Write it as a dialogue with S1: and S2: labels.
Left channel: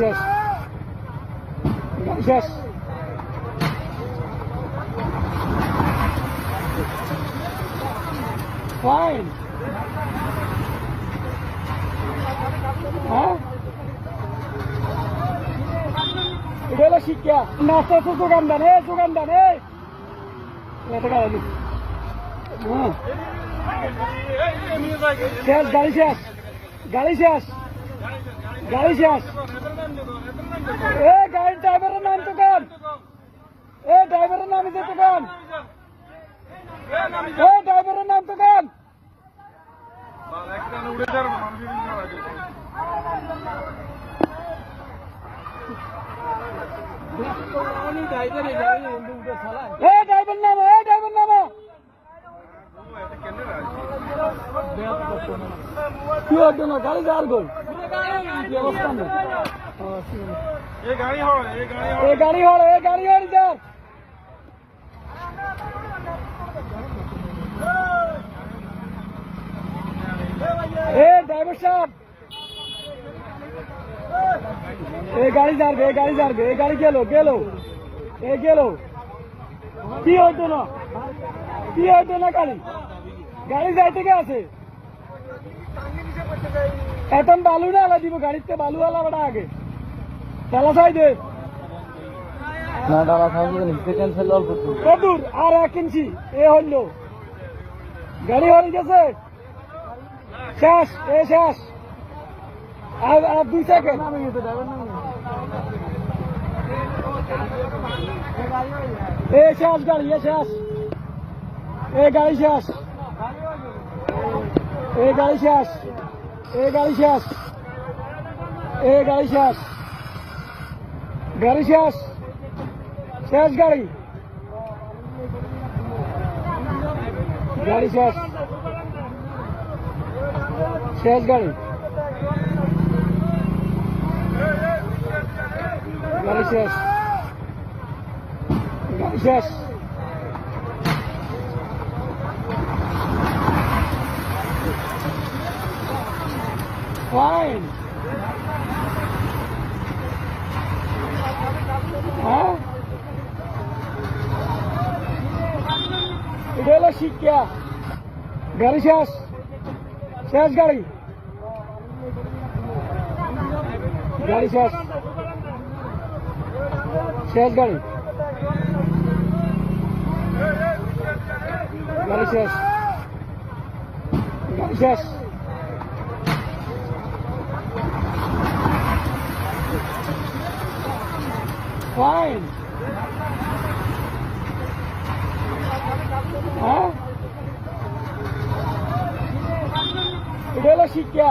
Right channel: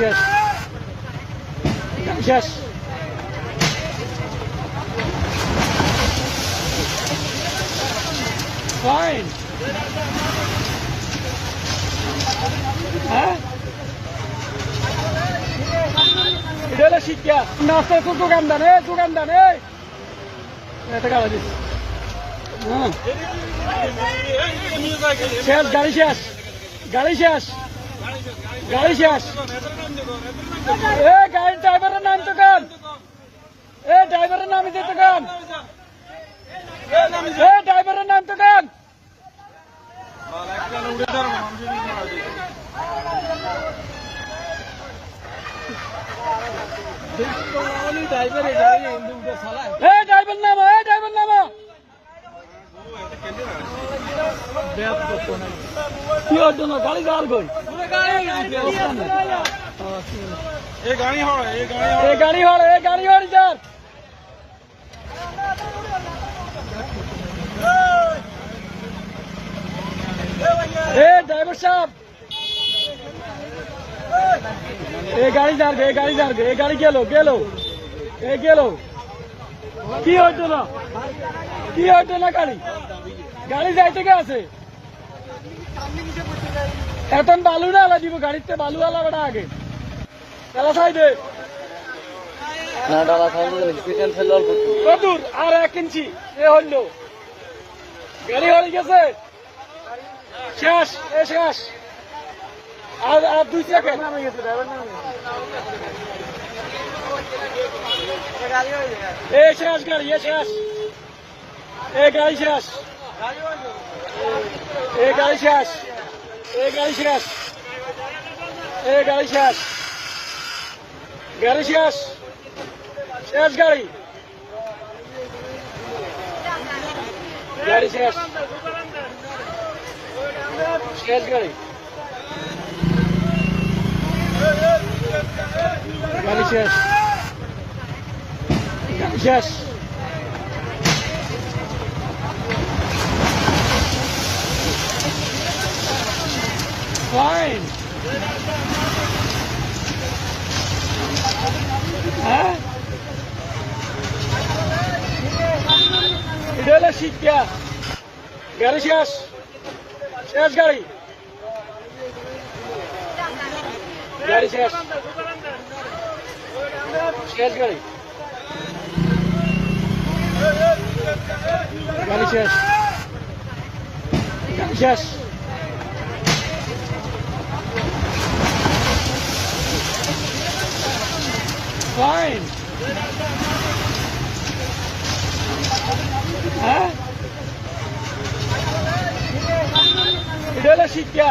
S1: শেষ শেষ ফাইন হ্যাঁ এটা হলো শিক্ষা। নাস্তা তো দোকান দেন এ দোকান দেন, এই। এটা দিস। হ্যাঁ। শেষ, গাড়ি শেষ। গাড়ি শেষ। গাড়ি শেষ। এ গাড়ি ড্রাইভারের নাম তো কান এ ড্রাইভারের নাম দিতে কান এ ড্রাইভারের নাম তো কান ড্রাইভার নামো, এ ড্রাইভার নামো। কি না গাড়ি গাল গই অবস্থা নেই
S2: ये गाड़ी हो ये गाड़ी
S1: এ গাড়ি হল এ গাড়ি হল যার এ ড্রাইভার সাহেব এ গাড়ি যার গে এ গাড়ি যার গে এ গাড়ি গেল গেল এ গেল কি হইতো না কি হইতো না গাড়ি গাড়ি যাইতে গে আছে এখন বালু না আলা দিব গাড়িতে বালু আলা বেড়া আগে। তালা সাই দে
S3: না ডালা খাওয়া হসপিটাল ফেলে অল্প
S1: কদূর আর এক ইঞ্চি এ হইল। গাড়ি হয়ে গেছে। শেষ এ শেষ। আর আর দুই সেকেন্ড এ শেষ গাড়ি এ শেষ। এ গাড়ি শেষ। এ গাড়ি শেষ। এ গাড়ি শেষ। এ গাড়ি শেষ। গাড়ি শেষ। শেষ গাড়ি। গাড়ি শেষ। শেষ গাড়ি। গাড়ি শেষ। গাড়ি শেষ। ফাইন হ্যাঁ এটা হলো শিক্ষা গাড়ি শেষ শেষ গাড়ি গাড়ি শেষ শেষ গাড়ি গাড়ি শেষ গাড়ি শেষ ফাইন হ্যাঁ এটা হলো শিক্ষা